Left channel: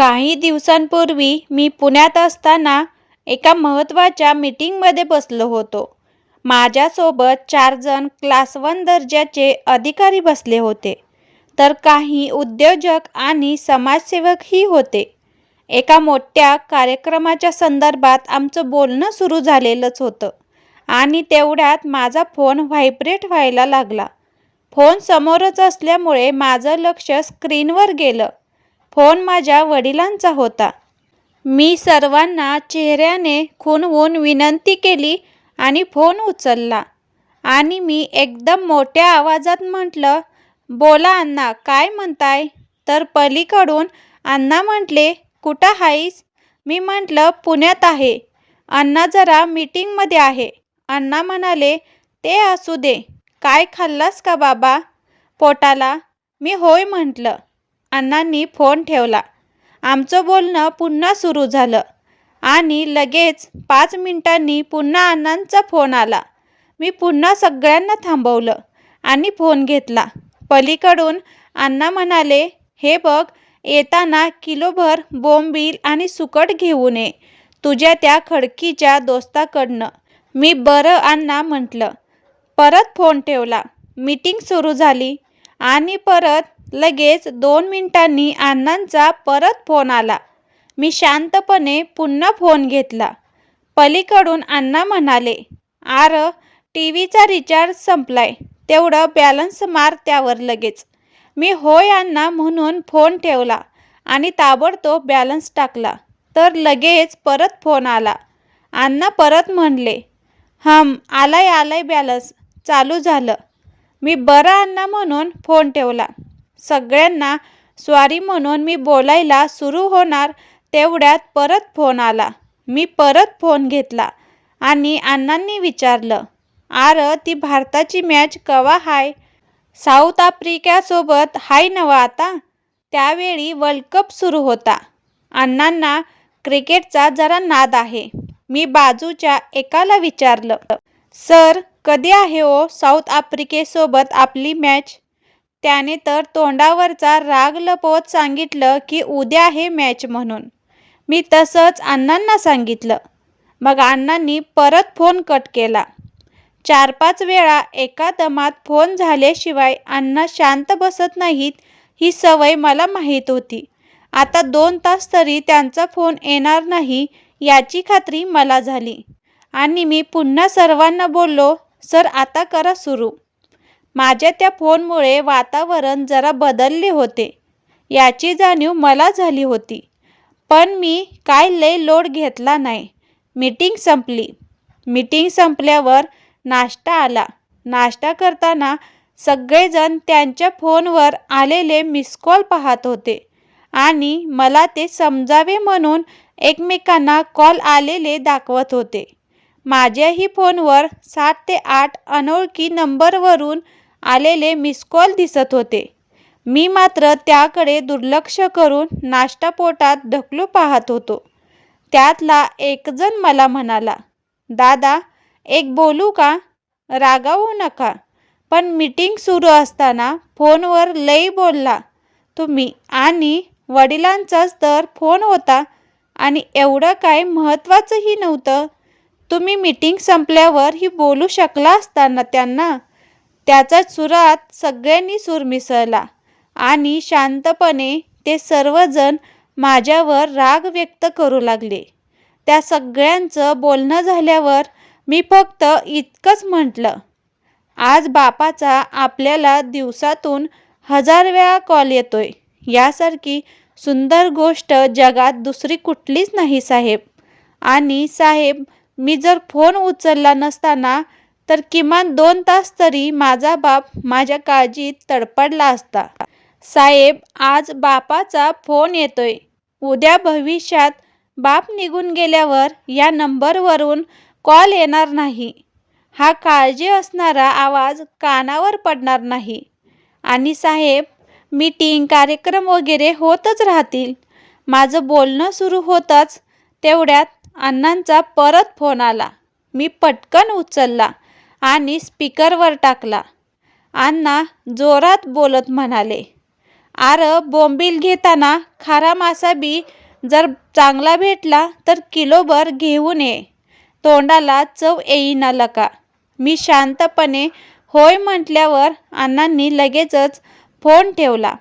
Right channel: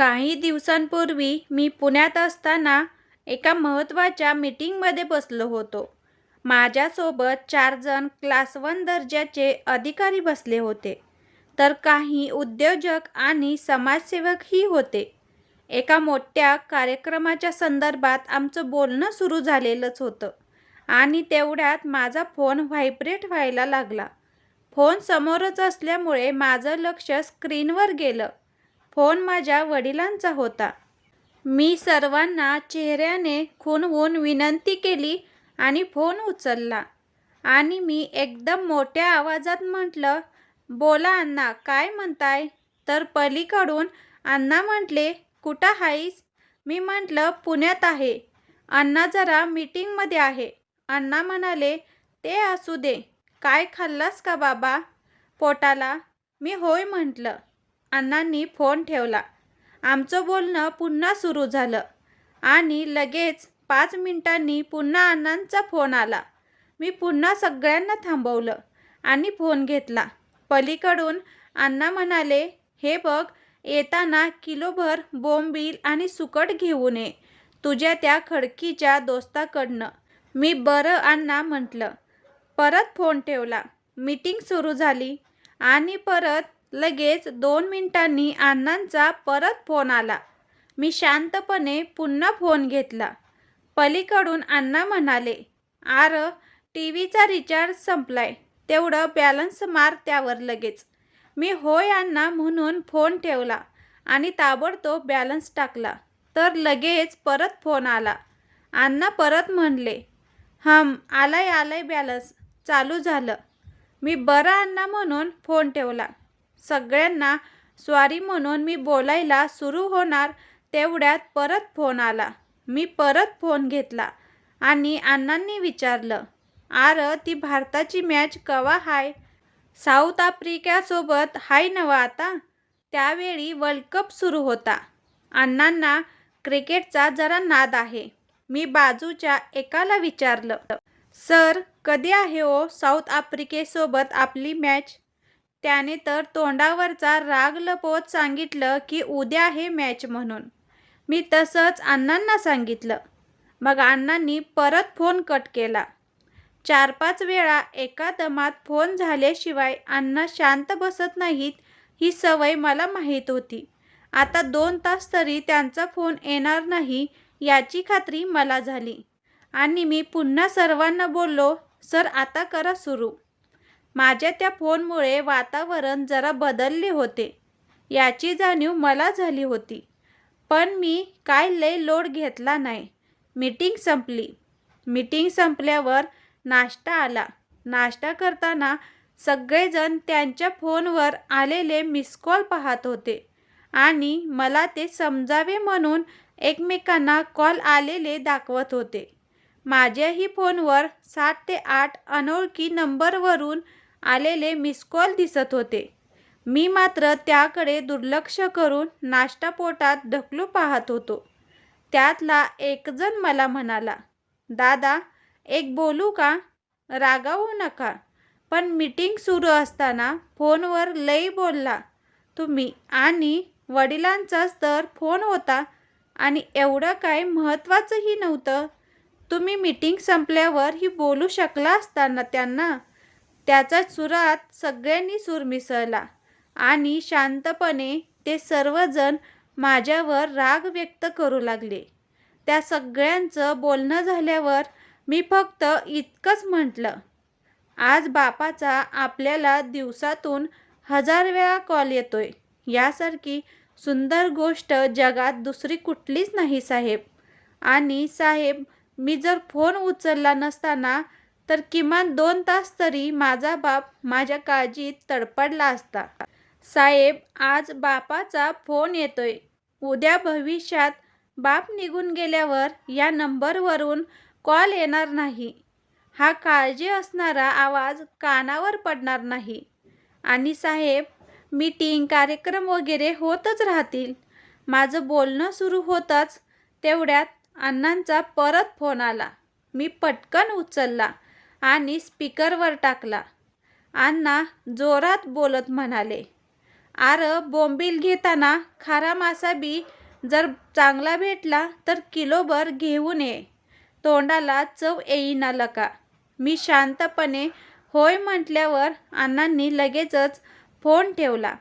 काही दिवसांपूर्वी मी पुण्यात असताना एका महत्त्वाच्या मीटिंगमध्ये बसलो होतो. माझ्यासोबत चार जण क्लास वन दर्जाचे अधिकारी बसले होते, तर काही उद्योजक आणि समाजसेवकही होते. एका मोठ्या कार्यक्रमाच्या संदर्भात आमचं बोलणं सुरू झालेलंच होतं आणि तेवढ्यात माझा फोन व्हायब्रेट व्हायला लागला. फोन समोरच असल्यामुळे माझं लक्ष स्क्रीनवर गेलं. फोन माझ्या वडिलांचा होता. मी सर्वांना चेहऱ्याने खुणवून विनंती केली आणि फोन उचलला आणि मी एकदम मोठ्या आवाजात म्हटलं, बोला अण्णा काय म्हणताय? तर पलीकडून अण्णा म्हटले, कुठं आहेस मी म्हटलं, पुण्यात आहे. अण्णा जरा मीटिंगमध्ये आहे. अण्णा म्हणाले, ते असू दे. काय खाल्लास का बाबा? पोटाला? मी होय म्हटलं. अण्णांनी फोन ठेवला. आमचं बोलणं पुन्हा सुरू झालं आणि लगेच पाच मिनिटांनी पुन्हा अण्णांचा फोन आला. मी पुन्हा सगळ्यांना थांबवलं आणि फोन घेतला. पलीकडून अण्णा म्हणाले, हे बघ येताना किलोभर बोंबील आणि सुकट घेऊन ये, तुझ्या त्या खडकीच्या दोस्ताकडनं. मी बरं अण्णा म्हटलं. परत फोन ठेवला. मीटिंग सुरू झाली आणि परत लगेच दोन मिनिटांनी अण्णांचा परत फोन आला. मी शांतपणे पुन्हा फोन घेतला. पलीकडून अण्णा म्हणाले, अर टी व्हीचा रिचार्ज संपलाय, तेवढं बॅलन्स मार त्यावर लगेच. मी होय अण्णा म्हणून फोन ठेवला आणि ताबडतोब बॅलन्स टाकला, तर लगेच परत फोन आला. अण्णा परत म्हणले, हम आलाय आलाय बॅलन्स, चालू झालं. मी बरं अण्णा म्हणून फोन ठेवला. सगळ्यांना स्वारी म्हणून मी बोलायला सुरू होणार तेवढ्यात परत फोन आला. मी परत फोन घेतला आणि अण्णांनी विचारलं, आरं ती भारताची मॅच कवा हाय? साऊथ आफ्रिक्यासोबत हाय नवा आता? त्यावेळी वर्ल्ड कप सुरू होता. अण्णांना क्रिकेटचा जरा नाद आहे. मी बाजूच्या एकाला विचारलं, सर कधी आहे ओ साऊथ आफ्रिकेसोबत आपली मॅच? त्याने तर तोंडावरचा राग लपवत सांगितलं की उद्या आहे मॅच म्हणून. मी तसंच अण्णांना सांगितलं. मग अण्णांनी परत फोन कट केला. चार पाच वेळा एका दमात फोन झाल्याशिवाय अण्णा शांत बसत नाहीत ही सवय मला माहीत होती. आता दोन तास तरी त्यांचा फोन येणार नाही याची खात्री मला झाली आणि मी पुन्हा सर्वांना बोललो, सर आता करा सुरू. माझ्या त्या फोनमुळे वातावरण जरा बदलले होते, याची जाणीव मला झाली होती. पण मी काय लय लोड घेतला नाही. मीटिंग संपली. मीटिंग संपल्यावर नाश्ता आला. नाश्ता करताना सगळेजण त्यांच्या फोनवर आलेले मिस कॉल पाहत होते आणि मला ते समजावे म्हणून एकमेकांना कॉल आलेले दाखवत होते. माझ्याही फोनवर सात ते आठ अनोळखी नंबरवरून आलेले मिसकॉल दिसत होते. मी मात्र त्याकडे दुर्लक्ष करून नाश्ता पोटात ढकलू पाहत होतो. त्यातला एकजण मला म्हणाला, दादा एक बोलू का? रागावू नका, पण मीटिंग सुरू असताना फोनवर लई बोलला तुम्ही आणि वडिलांचाच तर फोन होता आणि एवढं काय महत्त्वाचंही नव्हतं. तुम्ही मीटिंग संपल्यावर ही बोलू शकला असताना त्यांना? त्याचा सुरात सगळ्यांनी सूर मिसळला आणि शांतपणे ते सर्वजण माझ्यावर राग व्यक्त करू लागले. त्या सगळ्यांचं बोलणं झाल्यावर मी फक्त इतकंच म्हटलं, आज बापाचा आपल्याला दिवसातून हजार वेळा कॉल येतोय, यासारखी सुंदर गोष्ट जगात दुसरी कुठलीच नाही साहेब. आणि साहेब मी जर फोन उचलला नसताना तर किमान दोन तास तरी माझा बाप माझ्या काळजीत तडपडला असता. साहेब आज बापाचा फोन येतोय. उद्या भविष्यात बाप निघून गेल्यावर या नंबरवरून कॉल येणार नाही. हा काळजी असणारा आवाज कानावर पडणार नाही. आणि साहेब मीटिंग, कार्यक्रम वगैरे होतच राहतील. माझं बोलणं सुरू होताच तेवढ्यात अण्णांचा परत फोन आला. मी पटकन उचलला आणि स्पीकरवर टाकला. अण्णा जोरात बोलत म्हणाले, आर बोंबील घेताना खारा मासा बी जर चांगला भेटला तर किलोभर घेऊन ये. तोंडाला चव येईना लका. मी शांतपणे होय म्हटल्यावर अण्णांनी लगेचच फोन ठेवला.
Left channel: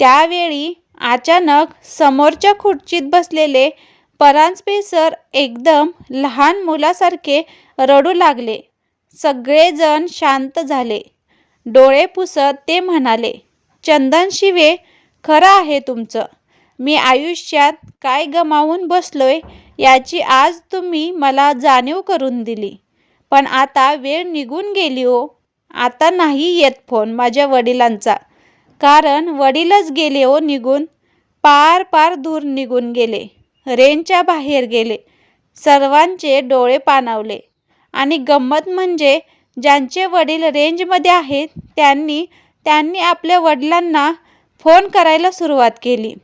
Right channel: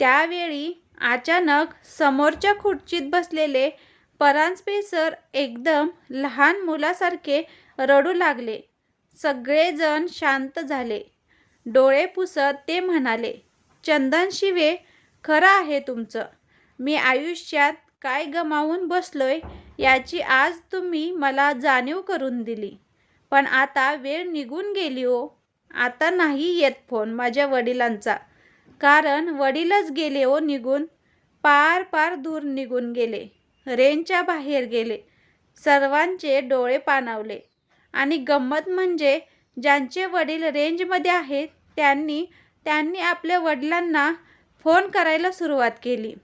त्यावेळी अचानक समोरच्या खुर्चीत बसलेले परांजपे सर एकदम लहान मुलासारखे रडू लागले. सगळेजण शांत झाले. डोळे पुसत ते म्हणाले चंदन शिवे खरं आहे तुमचं. मी आयुष्यात काय गमावून बसलोय याची आज तुम्ही मला जाणीव करून दिली. पण आता वेळ निघून गेली हो. आता नाही येत फोन माझ्या वडिलांचा. कारण वडीलच गेले हो निघून. पार पार दूर निघून गेले. रेंजच्या बाहेर गेले. सर्वांचे डोळे पाणावले. आणि गंमत म्हणजे ज्यांचे वडील रेंजमध्ये आहेत त्यांनी त्यांनी आपल्या वडिलांना फोन करायला सुरुवात केली.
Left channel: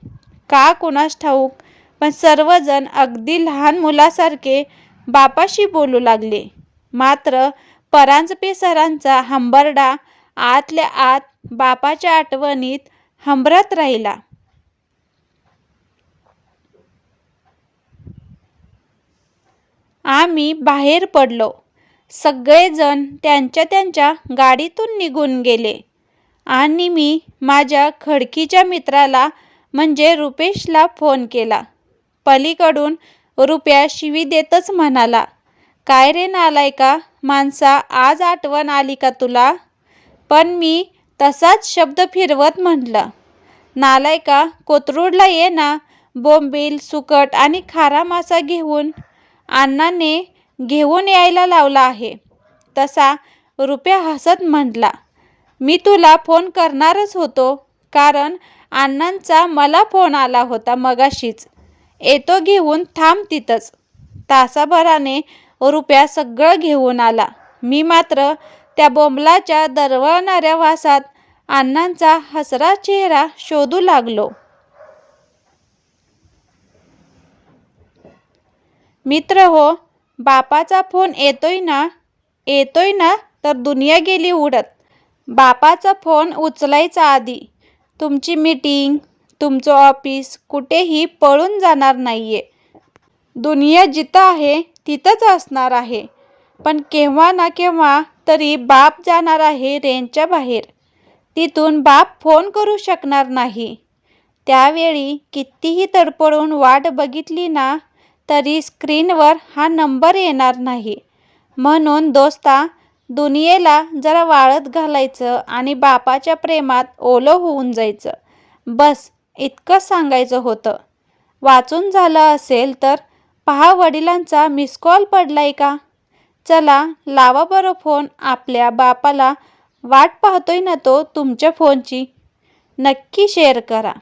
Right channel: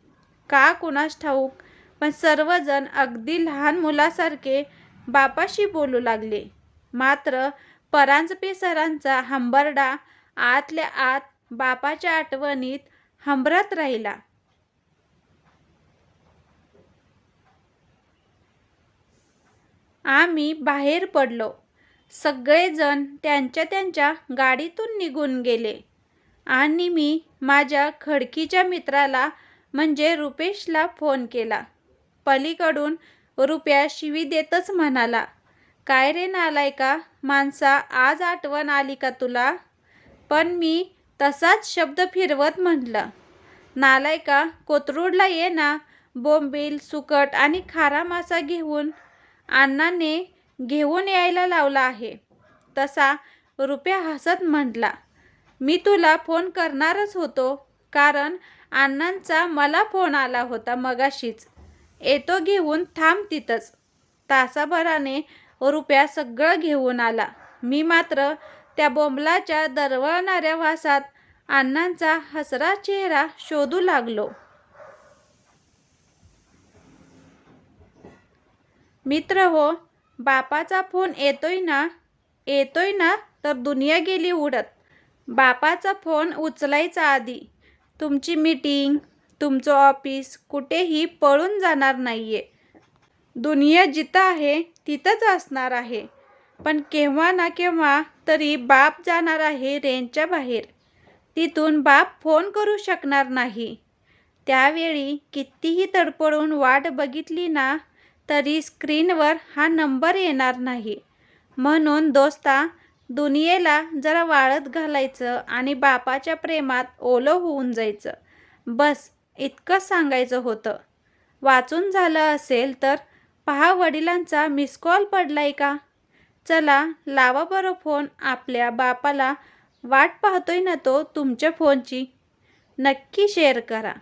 का कुणास ठाऊक? पण सर्वजण अगदी लहान मुलासारखे बापाशी बोलू लागले. मात्र परांजपे सरांचा हंबरडा आतल्या आत बापाच्या आठवणीत हंबरत राहिला. आम्ही बाहेर पडलो. सगळेजण त्यांच्या त्यांच्या गाडीतून निघून गेले. आणि मी माझ्या खडकीच्या मित्राला म्हणजे रुपेशला फोन केला. पलीकडून रुपया शिवी देतच म्हणाला काय रे नालाय का माणसा आज आठवण आली का तुला? पण मी तसाच शब्द फिरवत म्हटलं नालायका कोथरूडला ये ना. बोंबील सुकट आणि खारा मासा घेऊन अण्णाने घेऊन यायला लावला आहे. तसा रुपया हसत म्हटला मी तुला फोन करणारच होतो कारण अण्णांचा मला फोन आला होता मगाशीच. येतो घेऊन थांब तिथंच. तासाभराने रुपया सगळं घेऊन आला. मी मात्र त्या बोंबलाच्या दरवळणाऱ्या वासात अण्णांचा हसरा चेहरा शोधू लागलो. मित्र हो बापाचा फोन येतोय ना? येतोय ना तर दुनिया गेली उडत. बापाचा फोन उचलायचा आधी. तुमची मीटिंग तुमचं ऑफिस कुठेही पळून जाणार नाही आहे दुनिया जिथं आहे तिथंच असणार आहे. पण केव्हा ना केव्हा तरी बाप जाणार आहे रेंजच्या बाहेर. तिथून बाप फोन करू शकणार नाही. त्यावेळी कितीही तडपडून वाट बघितली ना तरी स्क्रीनवर हा नंबर येणार नाही. म्हणून दोस्ता दुनियेला जरा वाळत घालायचं आणि बापाच्या प्रेमात ओलं होऊन जायचं. बस इतकंच सांगायचं होतं. वाचून झालं असेल तर पहा वडिलांचा मिस कॉल पडलाय का? चला लावा बरं फोन आपल्या बापाला. वाट पाहतोय ना तो तुमच्या फोनची नक्की शेअर करा.